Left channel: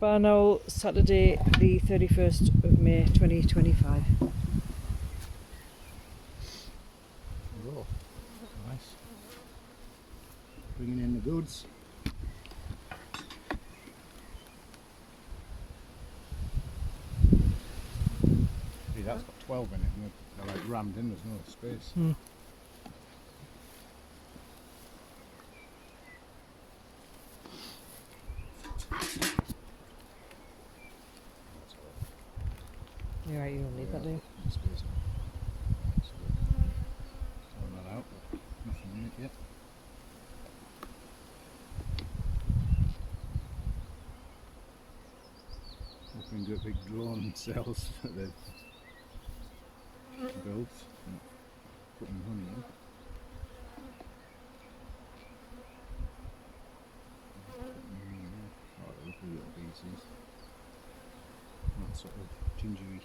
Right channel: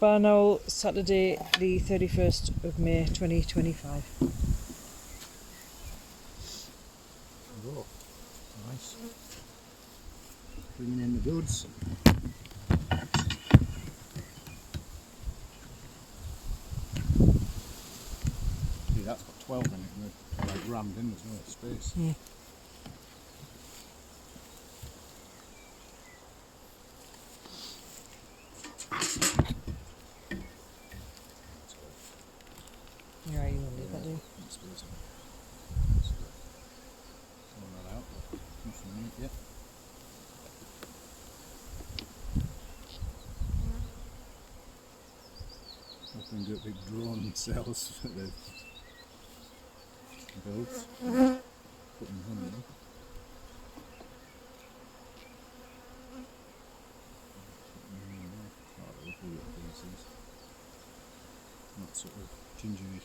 Barnowl, Saturday the 31st of May 2025. Oh, nice. Bringing in the goods. See, that's got 12 in it, and they're like rammed in, there's no space. Yeah, you will leave that there. Throwing that out, but nothing in it yet. Hoping to get big drone cells for the builds. Putting honey in. Oh, they're lovely little pieces. That sort of gingery.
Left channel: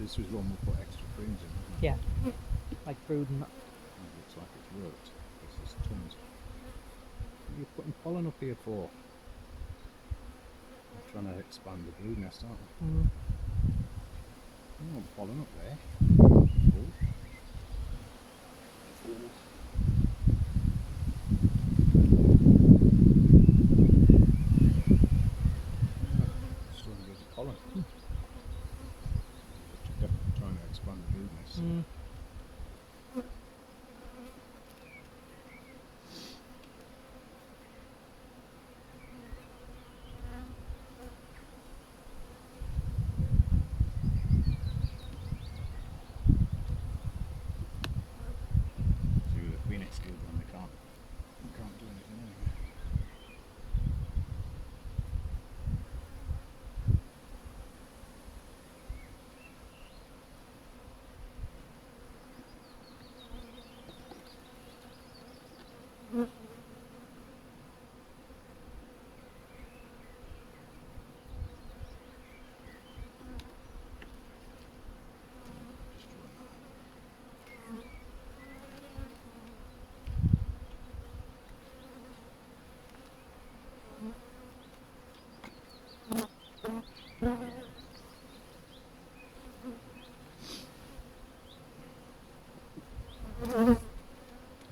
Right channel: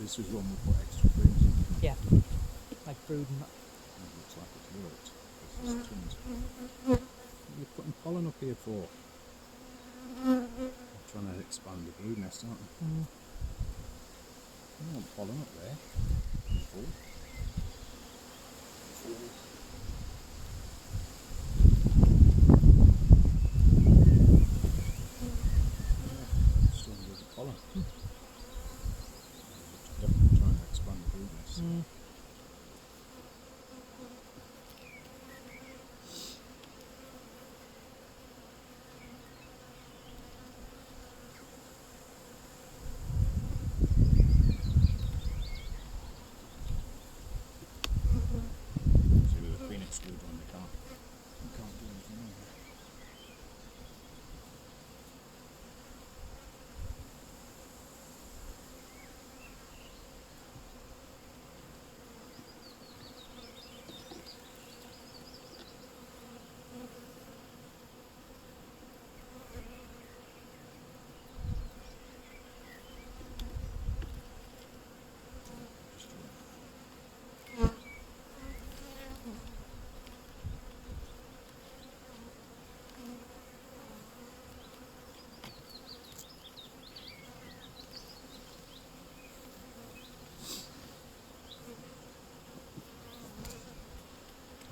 This was one we put extra cream in. Yeah, like brood and that. It looks like it's worked. This is tins. What are you putting pollen up here for? I'm trying to expand the brood nest, aren't I? I want pollen up there. Full. Still gives it pollen. Definitely trying to expand the brood nest. See, with the queen exclude one, they can't do anything else. Just wait.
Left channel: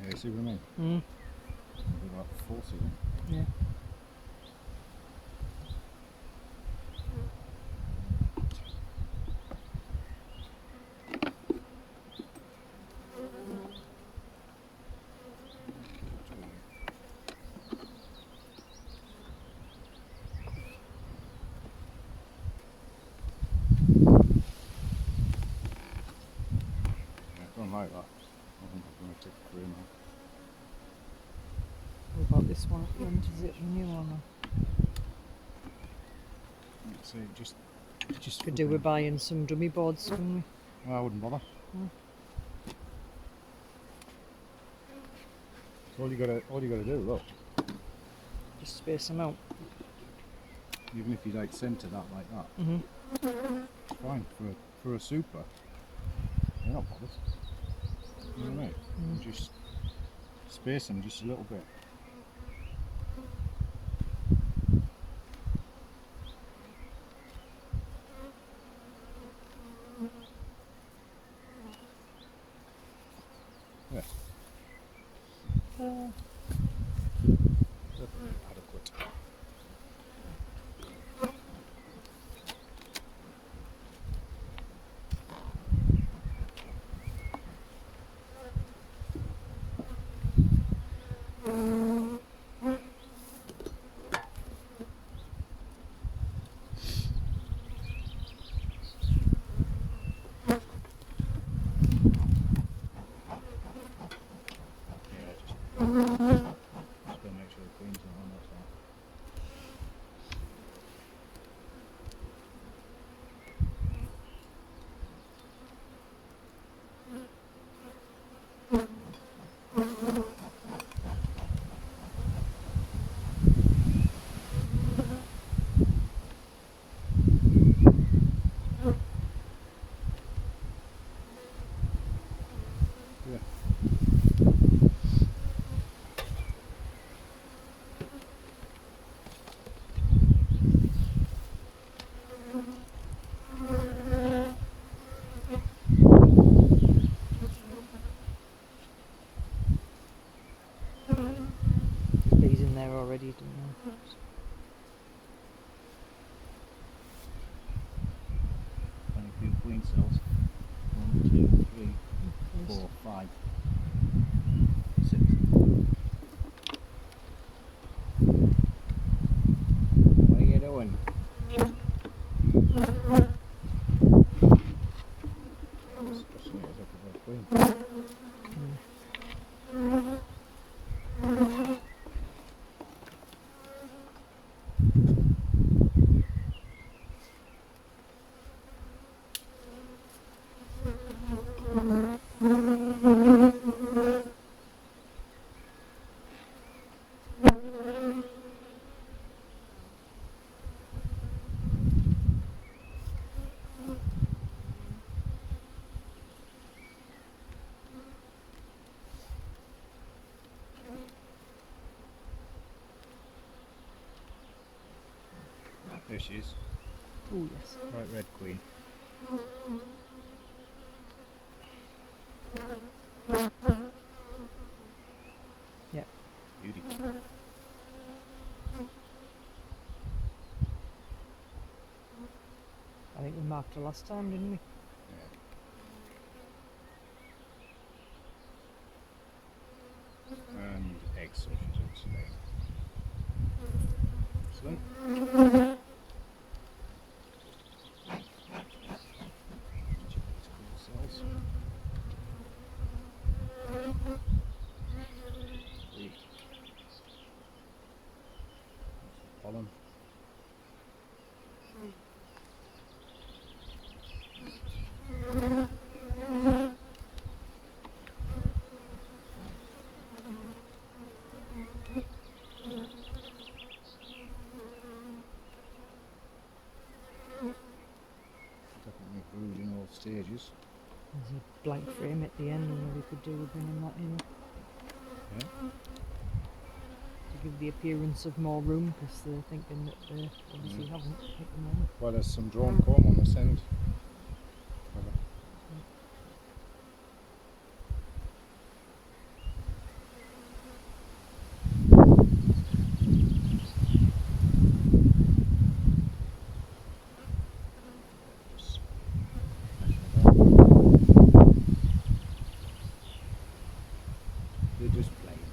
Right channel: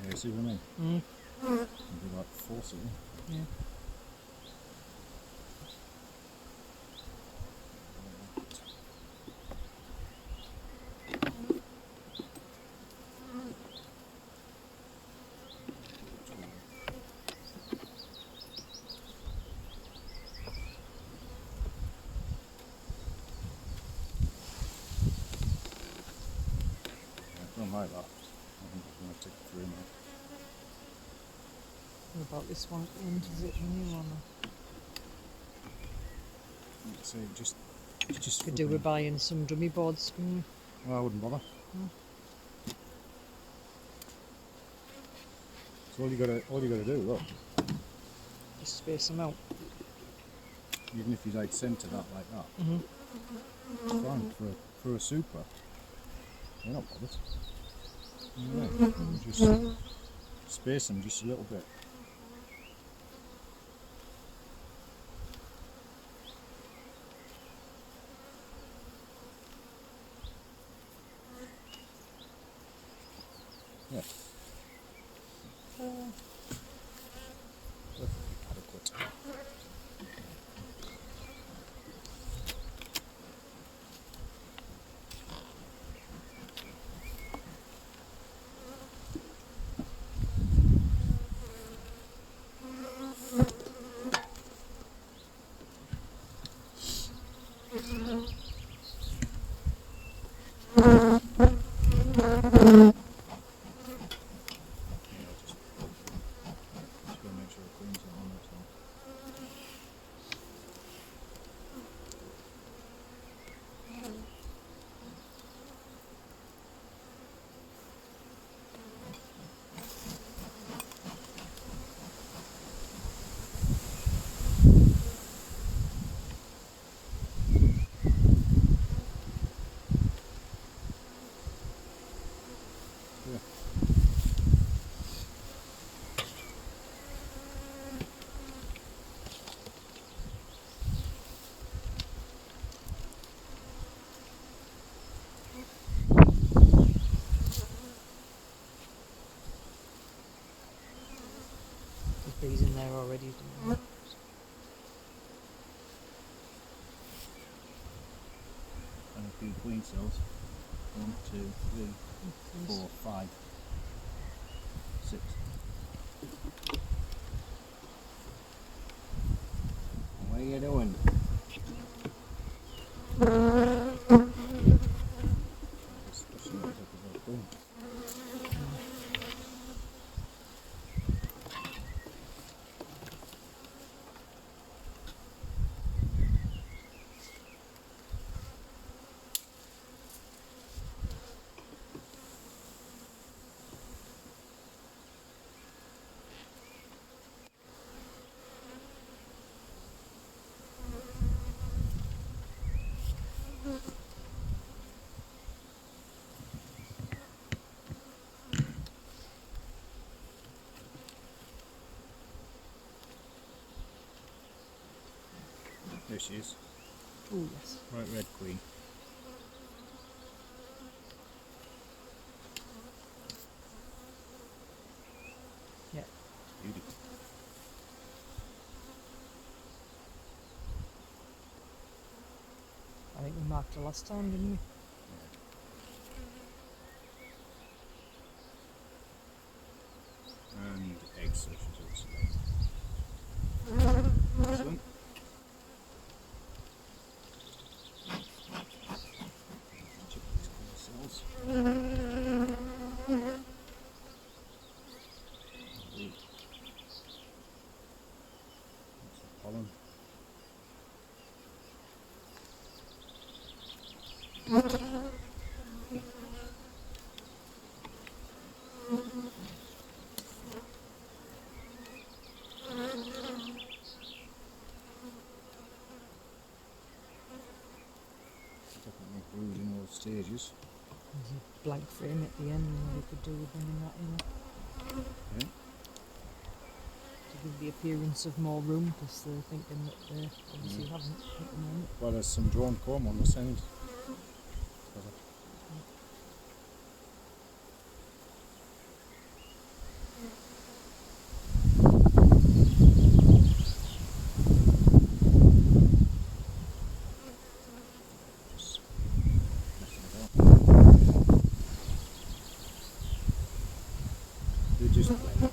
Yeah, see what I mean? They're like forcing it. Yeah. Yeah, I don't like that. I think I'm going to take the cream out. What about this one at the end? Is it a new one? Like I say, just Could do with buying some dummy boards, couldn't we? Well, I wouldn't bother. So all you gotta do, look, Just space them out. even if you like centre that like that, it's fine for a super. You're not bothered. You know what I mean? You just space them just a little bit. Yeah. Perfectly adequate. Yeah, I'll just he's doing that. And a few queen cells. 1, 2, 3, 4, 5, 6. What are you doing? Especially if it's up above queen. There she is. Oh yes. Right, red queen. Yep. Beauty. I think we marked her last time, didn't we? And eggs, so she's also there. Excellent. Check these queen cells. Ooh. That's the pollen. Definitely brood in all stages. There's a blank frame at the end, and what we could do with bringing that in Yeah. to give the appearance of more room, because they're thinking that they obviously haven't at the moment. Well, there's some drawn comb on this end. Just they're just plain.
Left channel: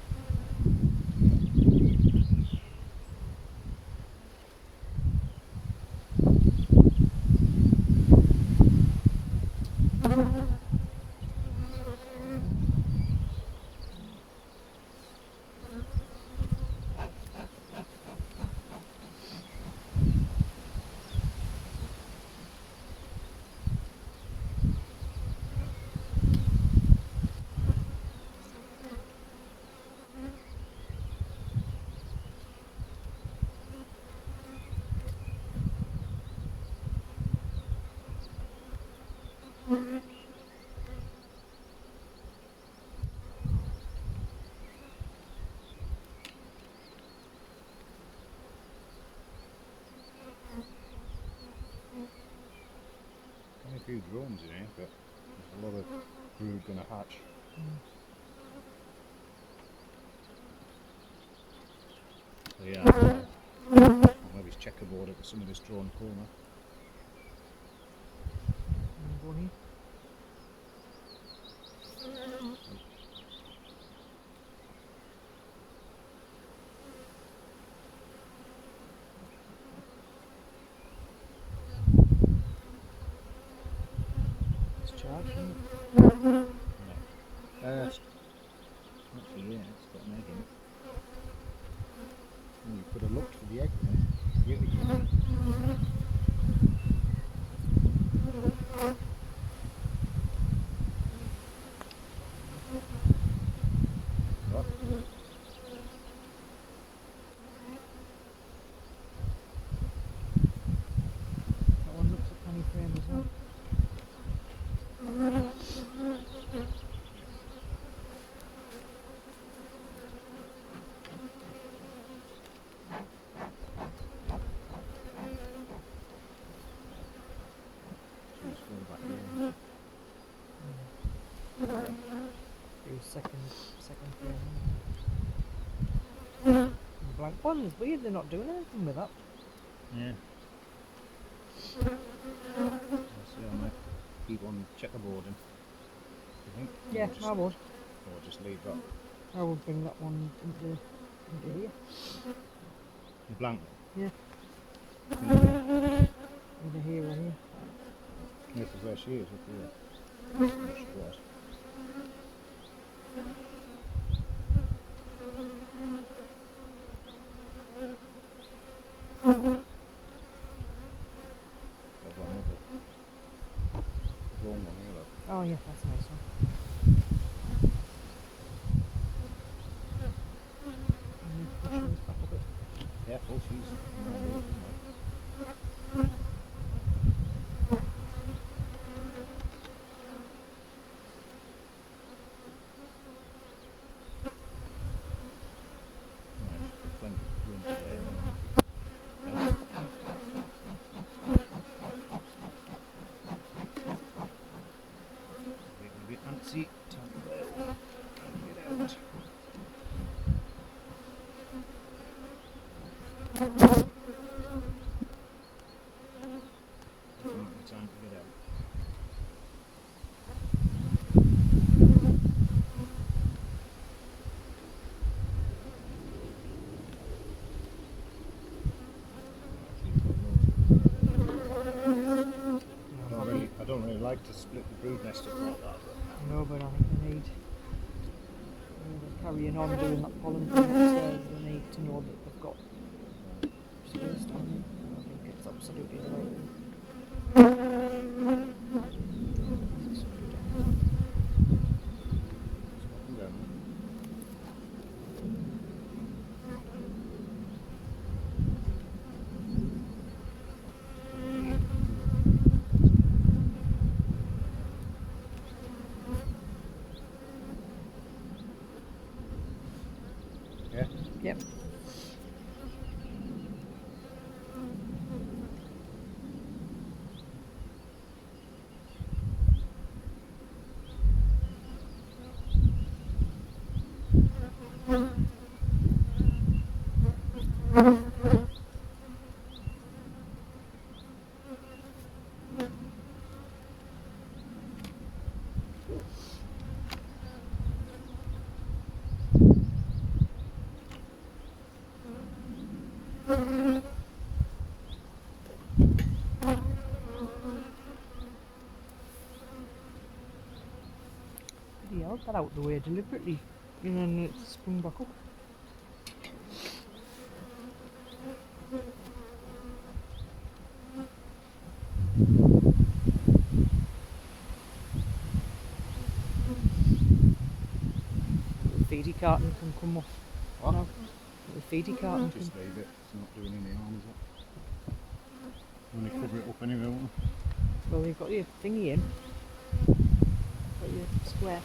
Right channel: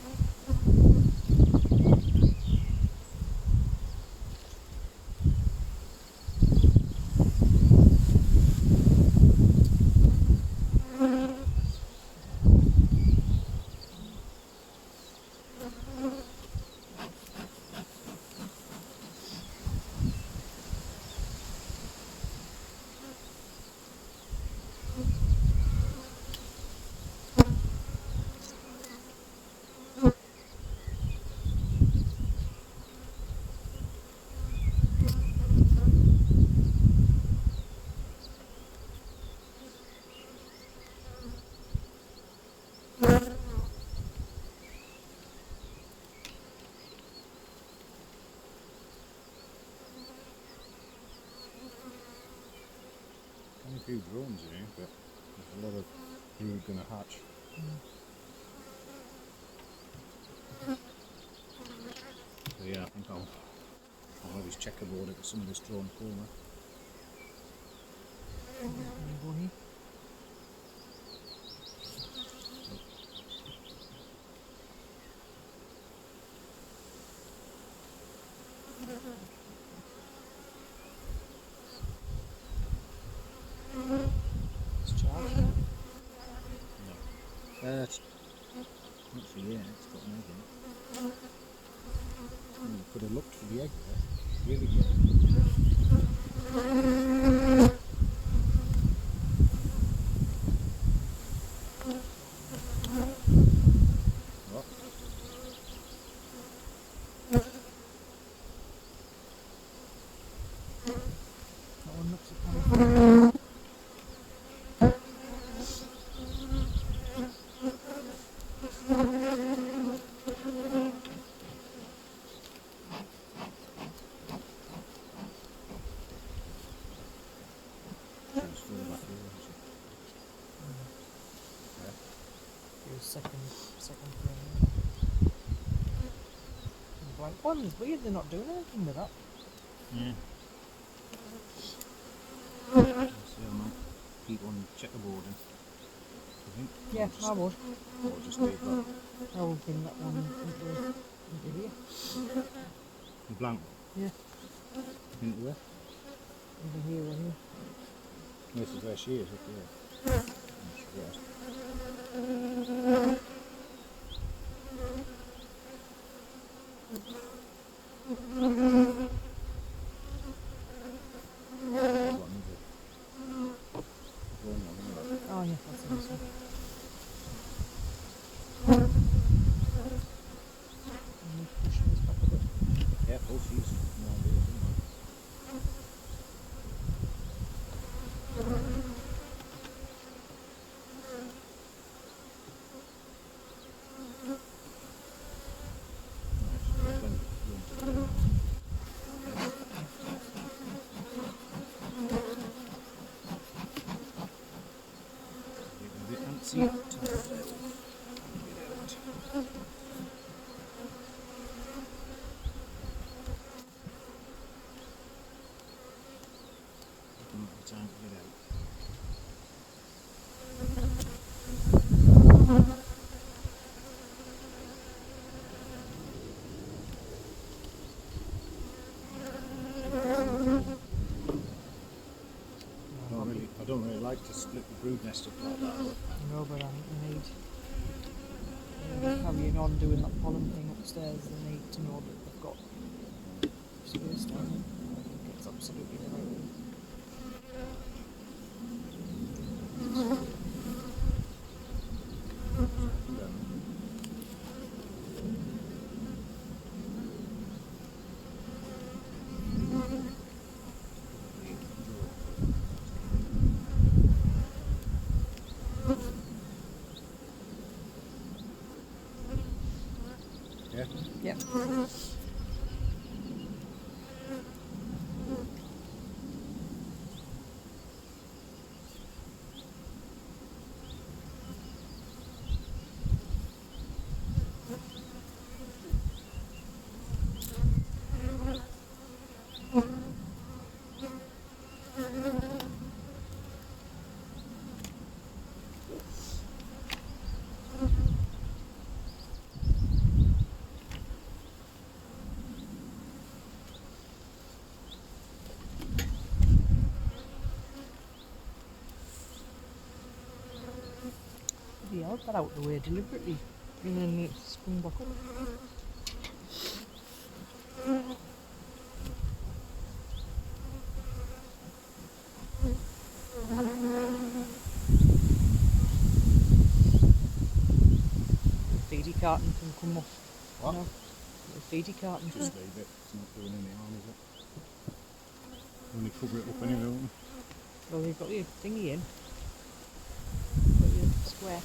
Only a few drones in here, but there's a lot of brood going to hatch. So yeah, I'll maybe checkerboard at some of this drawn corner. And go here. It's charged, isn't it? No. Actually, yeah, it's got an egg in it. Oh, you could have looked for the egg there. It's really good. Right. That one looks a funny. Just further back here. Second frame. blank one. It's weird they're not doing anything with that. Yeah. So I might keep on checkerboarding. Do you think? Yeah, Or just, I would. or just leave that. I would bring that one into here. The blank Yeah, one. over here or here. This is where she is, up here. There she was. There's one over there. There's one over there. Oh yeah, that's nice one. And push those back a bit. Careful, she's antsy. Time to go and get out. Time to get out. I don't really like to split the brood nest up like that. I know, but I need carrying on doing that pollen thing upstairs. They need to know that they've got space down there. I think it's absolutely the right way. Yeah? Yep. He held that out the way deliberately, and then it sprung back up. The feedy carton can come off. What? No, the feedy carton Just can. leave it. It's not doing any harm, is it? Only cover it up anyway, won't Well, you've got your thingy in. Got your square.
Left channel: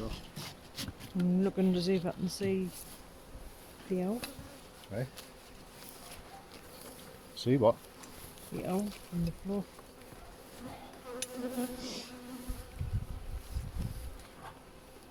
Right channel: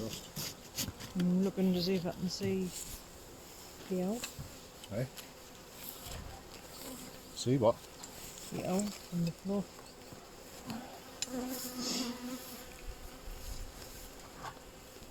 Rust. I'm looking to see if I can see the L. Hey? See what? The L on the floor.